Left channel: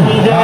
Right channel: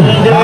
Allah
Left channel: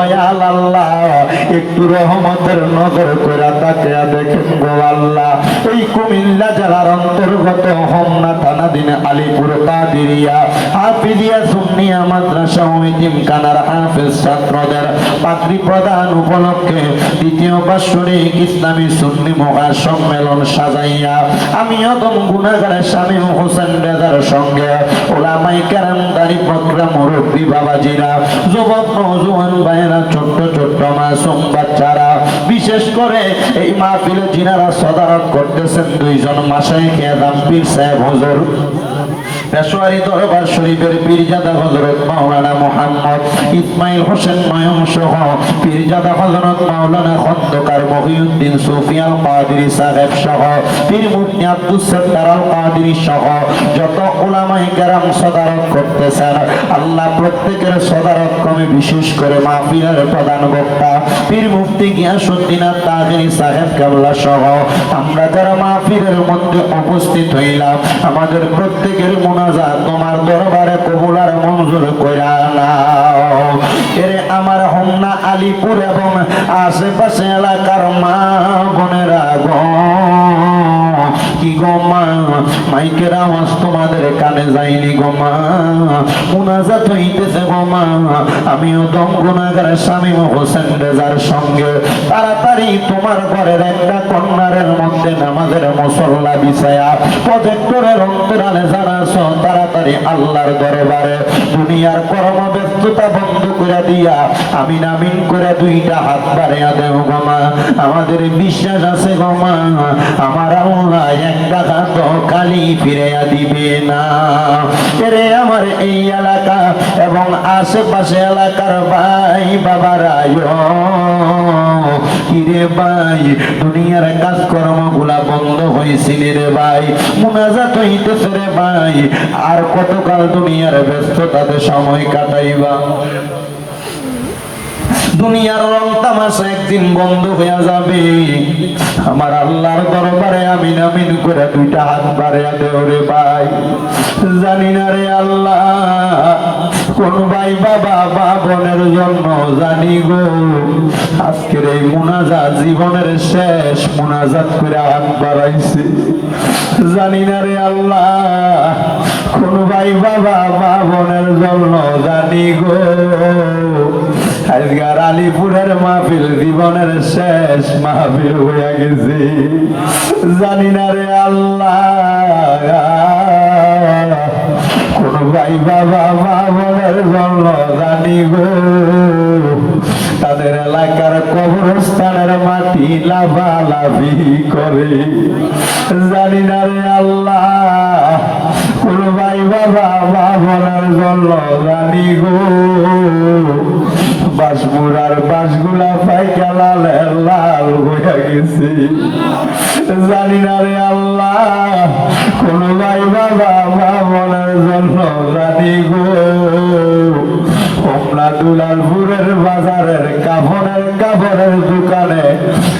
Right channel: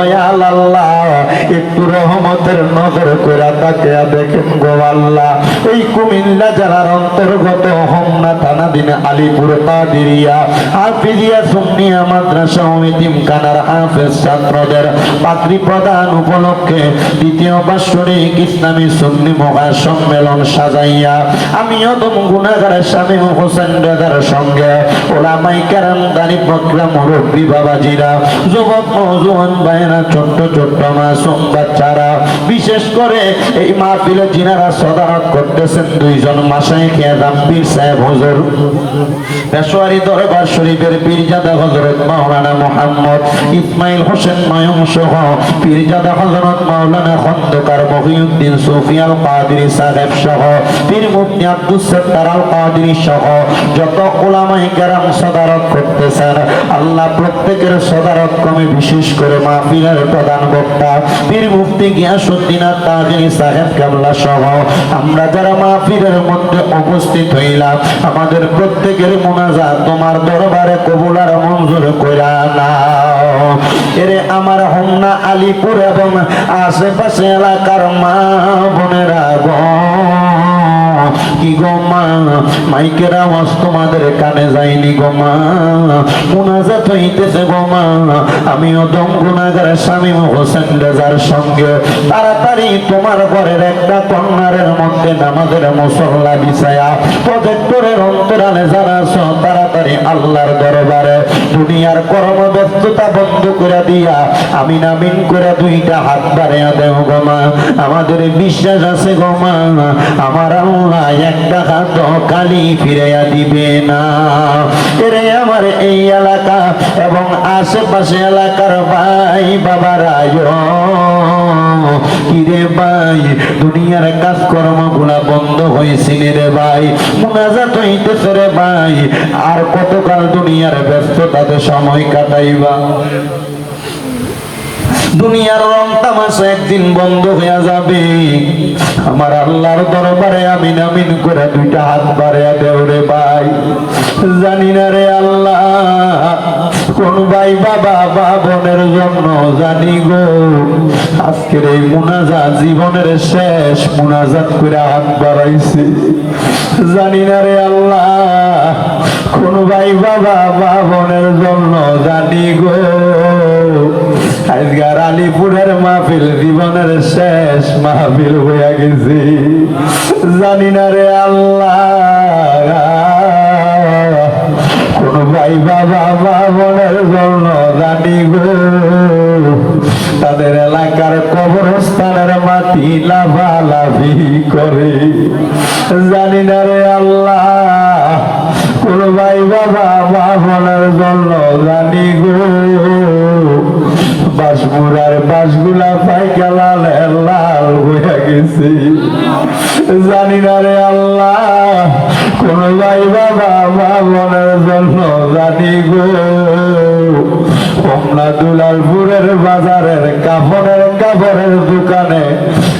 Dayal আল্লাহ একটু রহমতের নজর করে তাকিয়া দেখেন গো আল্লাহ। এই কুমিল্লা জেলার অন্তর্গত হোমনা থানাধীন আলীপুর কাদিরিয়া হাফিজিয়া সুন্নিয়া মাদ্রাসা ও এতিমখানার হাফেজ ছাত্রদের পাগড়ি প্রদান উপলক্ষে দ্বিতীয় বাৎসরিক ইসলামী সুন্নি মহাসম্মেলন সাজাইয়া আমি অদম গুনাহগার শামীম হোসেন রেজার সঙ্গে ওলামায়ে কেরাম দাড়ি পাকড়া মুরব্বী বাবাজিরা যুবক নওজোয়ান ভাইয়েরা ছোট্ট ছোট্ট মাসুম বাচ্চারা বিশেষ করে এই মাহফিলে যিনারা সদারত করতেছেন দুইজন মাশায়েখ আযম পীর সাহেব হুজুর পেশোয়ারি দরবার শরীফের পীরজাদা হযরত মাওলানা মুহাম্মদ ইসমাইল হোসেন নয়ন সহ পীরজাদা হযরত মাওলানা খন্দকার মহিউদ্দিন সুফিয়াল কাদেরী সাহেব সহ পীর মুফতি আব্দুস সাত্তার আল কাদেরী সহ যত উলামায়ে কেরাম সদারত করতেছেন আল্লাহ প্রত্যেকের সদারত কমে বিশেষ করে মাহফিলের প্রধান বক্তা পীর মুফতি গিয়াসউদ্দিন আত-তাহেরী সাহেব কেবলা সহ আমরা যারা মাহফিলের মধ্যে উপস্থিত হইলাম আমাদের প্রত্যেকের মুনাজাত তোমার দরবারে কবুল আর মঞ্জুর কইরা নাও। এরে আমার হোমনা আলীপুর এবং আশেপাশে এলাকার মা বোনেরা গো কি গো মা মাইকের আওয়াজ তোমাদের কানে যায়নি গো মা মুনাজাত হইতেছে গো মা আমিও দম গুনাহগার শামীম হোসেন রেজার সঙ্গে তাড়াতাড়ি তোমার ঘরের একটা কর্নারের মধ্যে নামাজের মুসল্লা বিছায়া প্রজেক্টরের অন্তরালে যারা আছো তাড়াতাড়ি আল্লাহর দরবারে দুনিয়ার কর্মব্যস্ততা বন্ধ করে দিয়া আমিন আমিন করে দুইটা হাত বাড়াইয়া দেও গো মা। আমাদের বিশ্বাস আছে গো মা আমার আল্লাহ একটা হাত খালি ফিরাইয়া দিবে না। এরে আমার এই এলাকা এবং আশেপাশে এলাকার ভাই বাবারা কিরে ভাই দুনিয়ার কাজকর্মগুলা বন্ধ হয়েছিল রে ভাই মুনাজাত হইতেছে রে ভাই আর কতকাল দুনিয়ার ব্যস্ততাতে সময় কাটাইবা দুনিয়ার রং তামাশা একদিন বন্ধ হয়ে যাবে। আমার আল্লাহর দরবারে আমিন আমিন করে দুইটা হাত বাড়াইয়া দেও রে ভাই। জানি না রে আল্লাহ কোন ভাই বাবা বা বোনের জন্য জানি গো আজকের এই মুনাজাত জীবনের শেষ মুনাজাত করে হাত বাড়াইছে। জানি না রে আল্লাহ কোন ভাই বাবা বা বোনের জন্য জানি গো আজকার আলীপুরের মাহফিল জীবনের শেষ মাহফিল হয়ে গেছে। জানি না রে আল্লাহ কোন ভাই বাবা বা বোনের জন্য জানি গো তাদের এলাকার কবরস্থানের মাটি লাফালাফি করে। জানি না রে আল্লাহ কোন ভাই বাবা বা বোনের জন্য জানি গো বাসমুরার বাসগুলা পাইকা লাল লাল হয়ে গেছে। জানি না রে আল্লাহ কোন ভাই বাবা মা বোনের জন্য জানি গো হোমনা দুলালপুরের বাজারের কাপড়ের দোকানে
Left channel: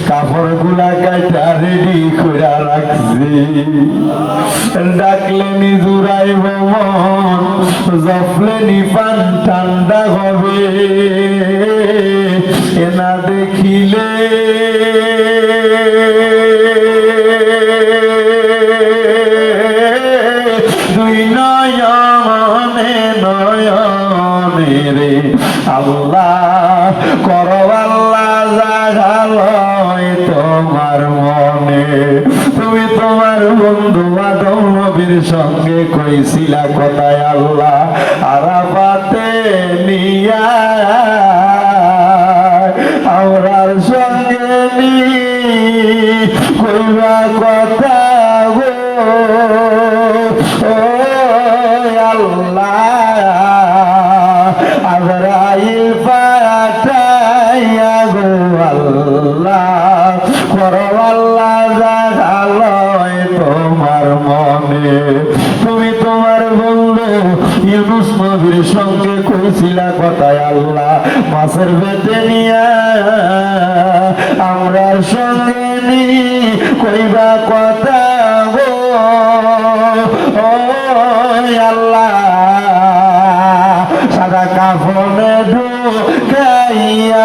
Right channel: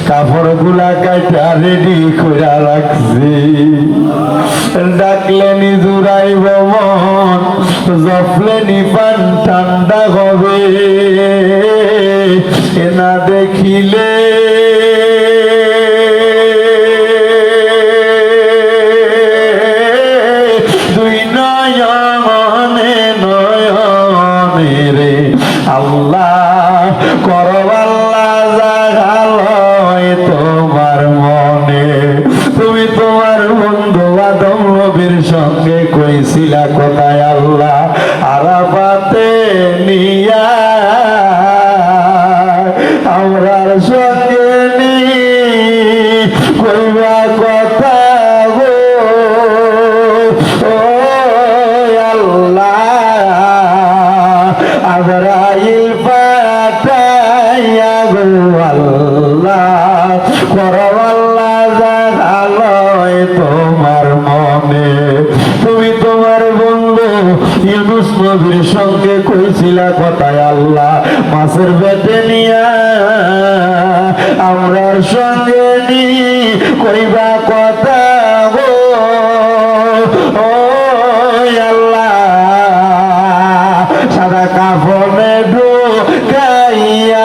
কাপড় গুলা কাটা রেডি করে রাখছি। ডাকলেনি জুড়াইব মন জফলেনি পান ঠান্ডা হবে না দেখিলে দুই নয়নে নয়নে রে আল্লাহ করো আল্লাহ জাগালয় তোমার মনে। তুমি তোমার বন্ধু আদম নবীর সঙ্গে কইছিলা কোথায় আল্লাহ আরাফাতে নিয়া আমরার সঙ্গে নি কইবা কথা গো ও আল্লাহ আজরাইল পাঠাইয়া গো আল্লাহ করো আল্লাহ জাগালয় তোমার মনে। তুমি তোমার বন্ধু ইউনুস নবীর সঙ্গে কইছিলা কথায় আল্লাহ মাছের পেটে নিয়া আমরার সঙ্গে নি কইবা কথা গো ও আল্লাহ সাদা কাপড়ে ঢুকাইয়া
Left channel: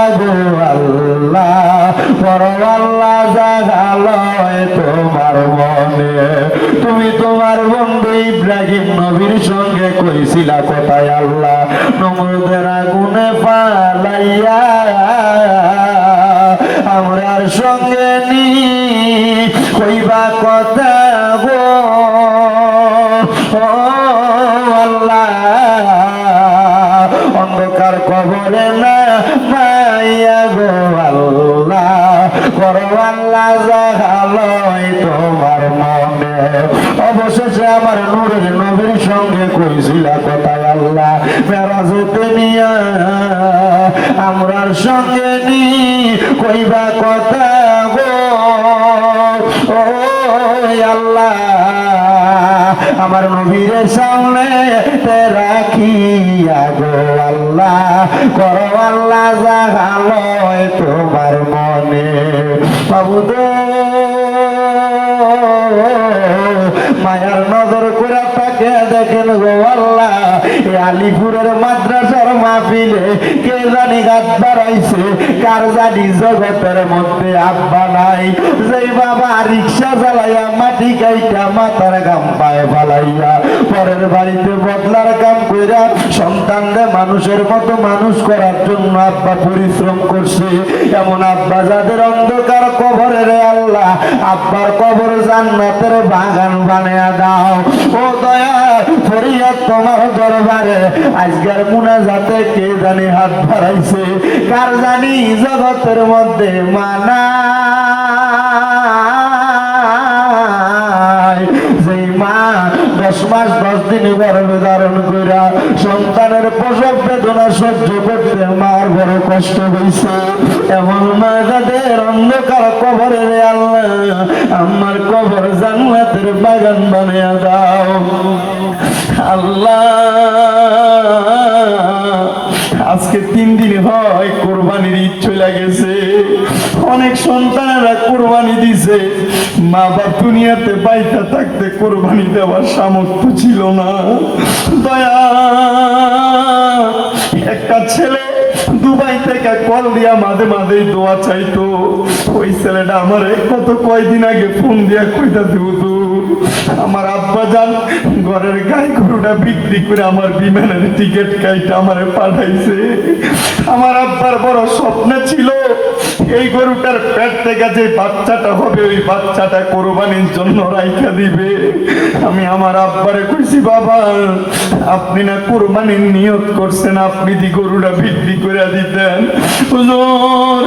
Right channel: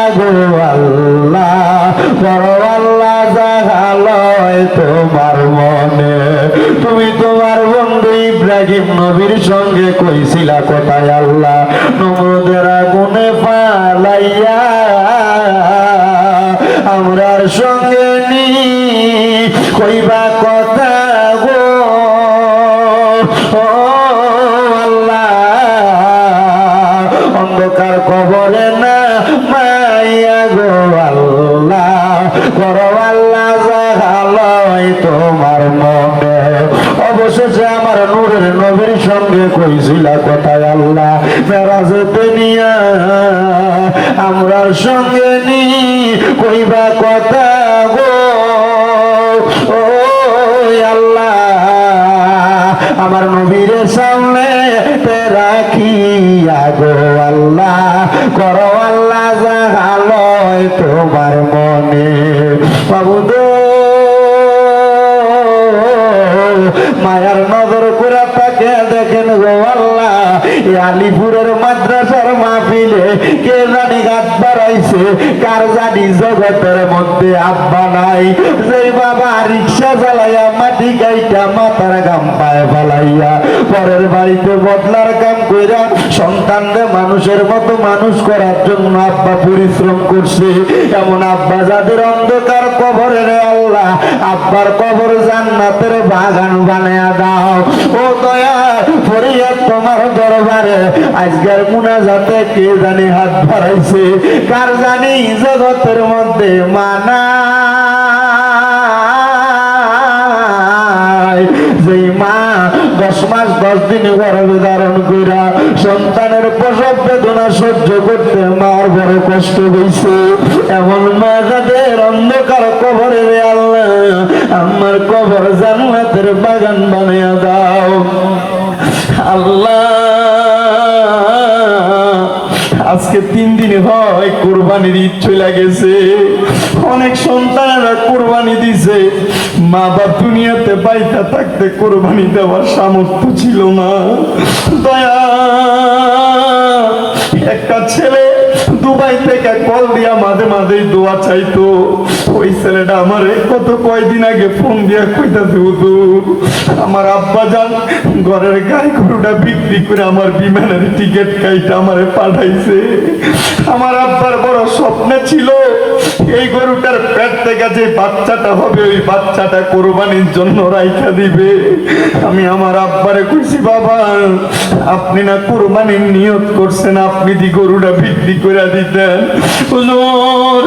ফালাইয়া আমরার সঙ্গে নি কইবা কথা গো ও আল্লাহ অন্ধকার কবরে না মাইয়া গো আল্লাহ করো আল্লাহ জাহালয় তোমার মনে অবশেষে আমার নূরের নবীর সঙ্গে কইছিল কথা আল্লাহ মেরাজতে নিয়া আমরার সঙ্গে নি কইবা কথা গো ও আল্লাহ আমার নবীর সামনে রাখিয়া গো আল্লাহ করো আল্লাহ জাগালয় তোমার মনে বাবুদ মায়ার নজর করে তাকে দেখেন গো আল্লাহ এই আলিপুরের মাদ্রাসার মাহফিলে কে জানি হাত বাড়াইছে কার জানি জগতের মধ্যে আব্বা নাই যে বাবা রিক্সা চালাইয়া মাটি গাইটা মাথার গাম পায়ে ফালাইয়া পরের বাড়িতে বদলার কাম কইরা সন্তানদের মানুষের মতো মানুষ করার জন্য আব্বা পরিশ্রম করছে এমন আব্বা যাদের অন্ধকার কবরে রে আল্লাহ আব্বার কবর জান্নাতের বাগান বানায়া দাও ও দয়া ফরিয়াদ তোমার দরবারে আজকের মুনাজাতে কে জানি হাত বাড়াইছে কার জানি জগতের মধ্যে মানা যেই মা 10 মাস 10 দিন গর্ভে ধারণ কইরা সন্তানের প্রসব বেদনা সহ্য করতে মার বড় কষ্ট হইছে এমন মা যাদের অন্ধকার কবরে রে আল্লাহ আমার কবর জান্নাতের বাগান বানিয়ে দাও আল্লাহ আজকে 3 দিন হয় কুরবানির ঈদ চলে গেছে অনেক সন্তানেরা কুরবানি দিছে মা বাপ দুনিয়াতে বাইতা থাকতে কুরবানি দেওয়ার সামর্থ্য ছিল না দয়া একটা ছেলে দুবাই থেকে কল দিয়া মাঝে মাঝে দোয়া চাইতো ওই ছেলেটা আমার কত কয়দিন আগে ফোন দিয়া কইতাছে হুজুর আমার আব্বা জান ঘরের গাই গরুটা বিক্রি করে আমার বিমানের টিকিট কাইটা আমারে পাঠাইছে আমার আব্বার বড় স্বপ্ন ছিল এই গরুটার পেট থেকে যে বাচ্চাটা হবে ওই বাচ্চাটা কুরবানির জন্য রাইখা দিবে আমি আমার আব্বারে কইছি বাবা আপনি না কুরবানির নিয়ত করছেন আপনি দি গরুটা বিক্রি করে দিতেন হুজুর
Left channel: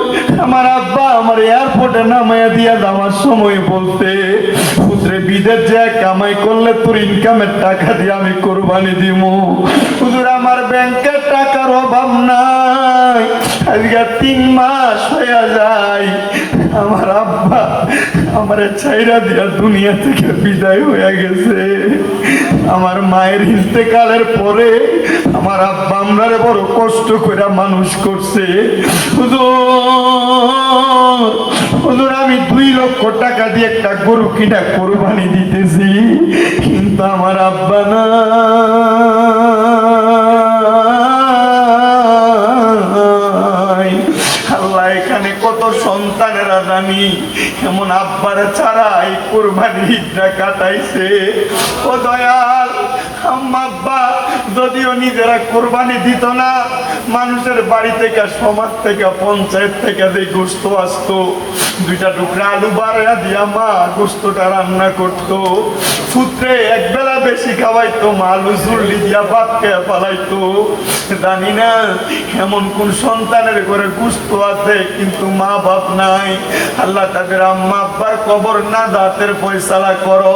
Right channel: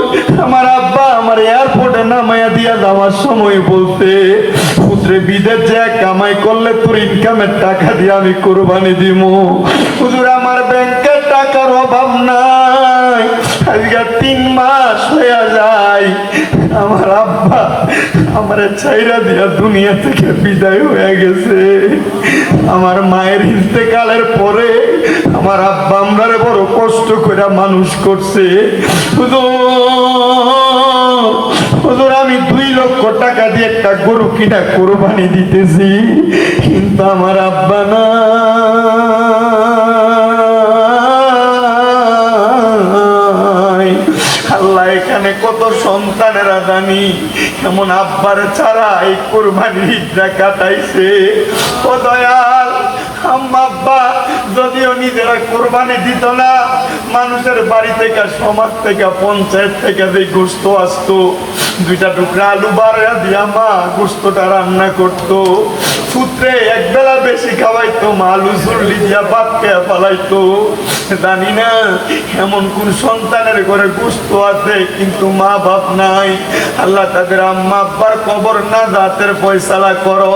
আমার আব্বা আমার এয়ারপোর্টে নামাইয়া দিয়া যাওয়ার সময় বলতে পুত্রে বিদেশ যে কামাই করলে তোর ইনকামের টাকা দিয়ে আমি কুরবানি দিব হুজুর আমার ব্যাংকের টাকার অভাব নাই আজকে 3 মাস হয়ে যায় আমার আব্বা আমার ছাইরা দিয়া দুনিয়া থেকে বিদায় হয়ে গেছে আমার মায়ের ইন্তেকালের পরে আমার আব্বা আমরা বড় কষ্ট করে মানুষ করছে হুজুর আমি 2 লক্ষ টাকা দিয়ে একটা গরু কিনা কুরবানি দিতেছি কিন্তু আমার আব্বা না আল্লাহ এখানে কত সন্তানেরা জানি এমন আব্বার ছাড়া এই কুরবানির ঈদটা কাটাইছে ও দয়াল আম্মা যদিও নিজেরা কুরবানি দিত না মানুষের বাড়ি থেকে সমাজ থেকে পঞ্চায়েত থেকে যে গোস্ত আসতো 2টা টুকরা আলু বাড়া দিয়া মা গোস্তটা রান্না করতো পুত্রে একবেলা বেশি খাওয়াইতো মা আলু চুল্লি দিয়া ভাত খেয়ে ফেলাইতো জানি না এমন কোন সন্তানের ঘরে গোস্ত আছে কিন্তু মা বাপ নাই আল্লাহ তাদের আম্মা আব্বার কবর না জাতের ফয়সালা করো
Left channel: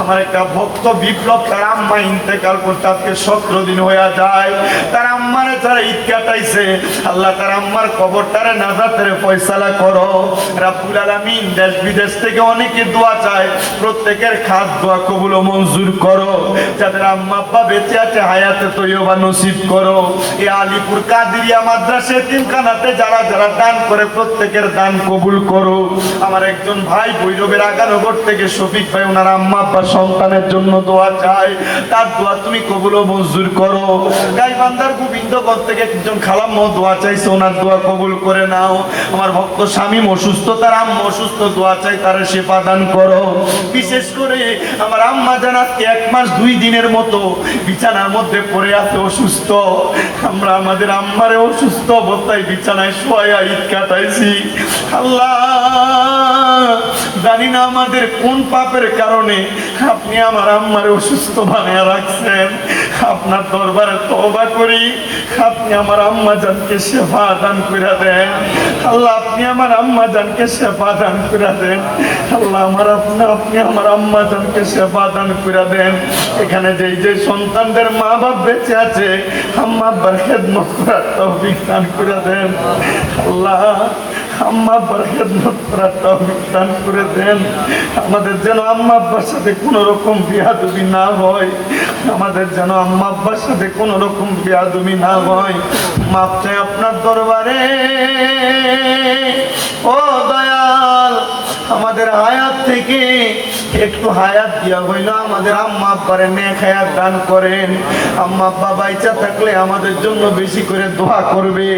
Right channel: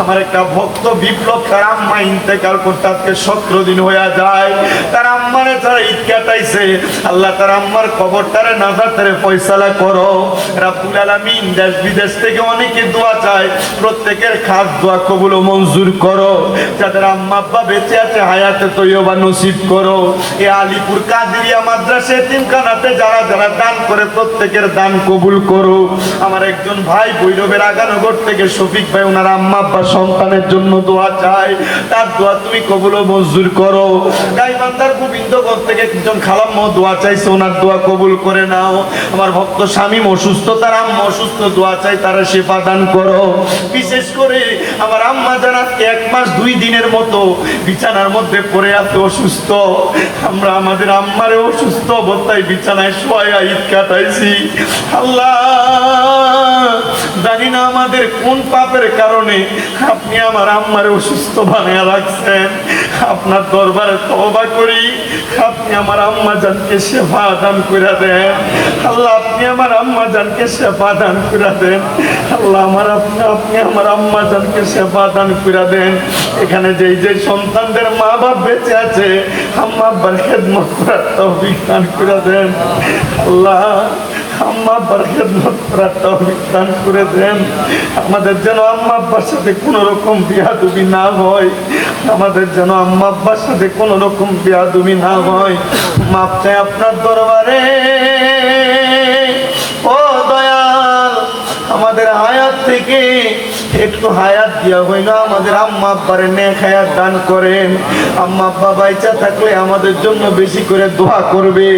আমার একটা ভক্ত বিপ্লব তার আম্মা ইন্তেকাল করতে আজকে 17 দিন হয়ে যায় তার আম্মারে যারা ঈদ কাটাইছে আল্লাহ তার আম্মার কবরটারে নাজাতের ফয়সালা করো রাব্বুল আলামিন দেশ বিদেশ থেকে অনেকে দোয়া চায় প্রত্যেকের খাস দোয়া কবুল ও মঞ্জুর করো যাদের আম্মা আব্বা বেঁচে আছে হায়াতে তৈয়বা নসিব করো এই আলিপুর কাদেরিয়া মাদ্রাসা এতিমখানাতে যারা যারা দান করে প্রত্যেকের দান কবুল করো আমার একজন ভাই ভৈরবের আগানগর থেকে শফিক ভাই ওনার আম্মা আব্বা সন্তানের জন্য দোয়া চায় তার দোয়া তুমি কবুল ও মঞ্জুর করো গাইবান্ধার বৃন্দগণ থেকে একজন খালাম্মা দোয়া চাইছে, ওনার দোয়া কবুল করে নাও। আমার ভক্ত স্বামী অসুস্থ, তার আম্মা অসুস্থ, দোয়া চাই তারা সেবা দান করো। বিশেষ করে আমার আম্মা যারা 1 মাস 2 দিনের মতো বিছানার মধ্যে পড়ে আছে অসুস্থ, আমরা আমাদের আম্মারে অসুস্থ অবস্থায় বিছানায় শোয়া ঈদ কাটাইছি। আল্লাহ জানি না আমাদের কোন পাপের কারণে আপনি আমার আম্মারে অসুস্থ বানিয়ে রাখছেন। আপনার দরবারে তওবা করি, আপনি আমার আম্মা জানকে সেবা দান করে দেন। আল্লাহ আপনি আমার আম্মা জানকে সেবা দান করে দেন। আল্লাহ আপনি আমার আম্মা জানকে সেবা দান করে দেন। এখানে যে সন্তানদের মা বাপ বেঁচে আছে, আম্মা আব্বার খেদমত করার তৌফিক দান করে দেন। আল্লাহ আম্মা আব্বার খেদমত করার তৌফিক দান করে দেন। আমাদের যেন আম্মা আব্বার সাথে কোনো রকম বিয়াদবি না হয়, আমাদের যেন আম্মা আব্বার সাথে কোনো রকম বিয়াদবি না হয়। মাপ চাই আপনার দরবারে। ও দয়াল, আমাদের হায়াত থেকে একটু হায়াত দিয়া হইলো আমাদের আম্মা আব্বারে নেক হায়াত দান করেন। আম্মা আব্বা বাইচা থাকলে আমাদের জন্য বেশি করে দোয়া করবে।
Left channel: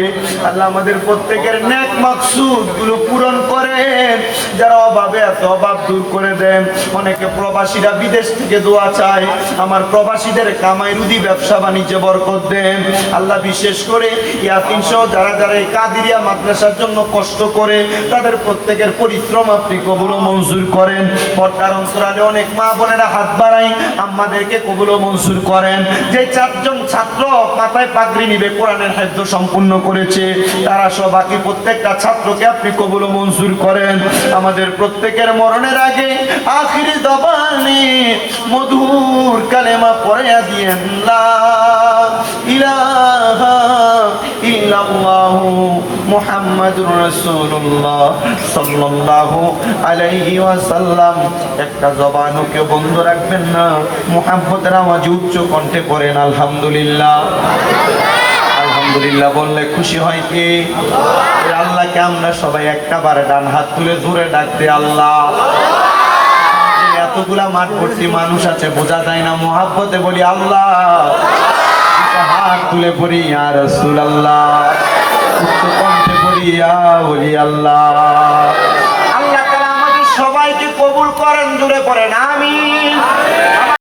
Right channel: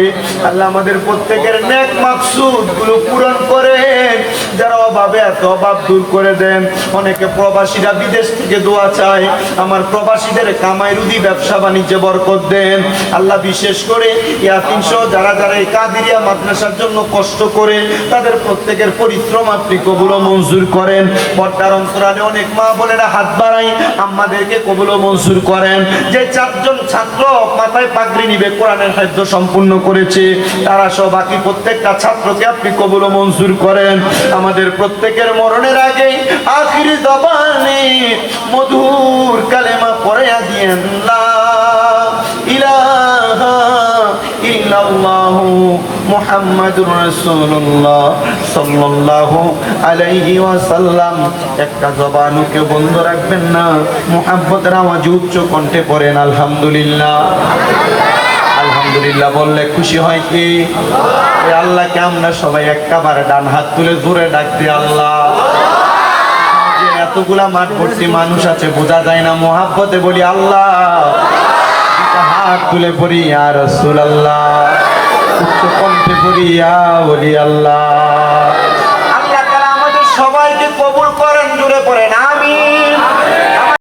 আল্লাহ আমাদের প্রত্যেকের নেক মাকসুদ গুলো পূরণ করেন। যারা অভাবে আছে অভাব দূর করে দেন। অনেকে প্রবাসীরা বিদেশ থেকে দোয়া চায়, আমার প্রবাসীদের কামাই রুজি ব্যবসা বাণিজ্যে বরকত দেন। আল্লাহ বিশেষ করে ইয়াতিম সহ যারা যারা এই কাদিরিয়া মাদ্রাসার জন্য কষ্ট করে, তাদের প্রত্যেকের পরিশ্রম আপনি কবুল ও মঞ্জুর করেন। পর্দার অন্তরালে অনেক মা বোনেরা হাত বাড়াই, আমাদেরকে কবুল ও মঞ্জুর করেন। যে 4 জন ছাত্র মাথায় পাগড়ি নিবে কোরআনের হাফেজ সম্পূর্ণ করেছে, তারা সব বাকি প্রত্যেকটা ছাত্রকে আপনি কবুল ও মঞ্জুর করেন। আমাদের প্রত্যেকের মরণের আগে আখিরি জবানে মধুর কালেমা পড়ে দিয়েন, লা ইলাহা ইল্লাল্লাহু মুহাম্মাদুর রাসূলুল্লাহ সাল্লাল্লাহু আলাইহি ওয়াসাল্লাম। একটা জবানও কেউ বন্ধ রাখবেন না, মুহাব্বতের আওয়াজ উচ্চ কণ্ঠে পড়েন আলহামদুলিল্লাহ। আলহামদুলিল্লাহ বললে খুশি হয় কি? আল্লাহকে আমরা সবাই একবার ডান হাত তুলে জোরে ডাকতে আল্লাহ। এতগুলা মাঠ ভর্তি মানুষ আছে, বোঝা যায় না, মুহাব্বতে বলি আল্লাহ। হাত তুলে পড়ি ইয়া রাসূলুল্লাহ, উচ্চ কণ্ঠে পড়ি ইয়া বলি আল্লাহ।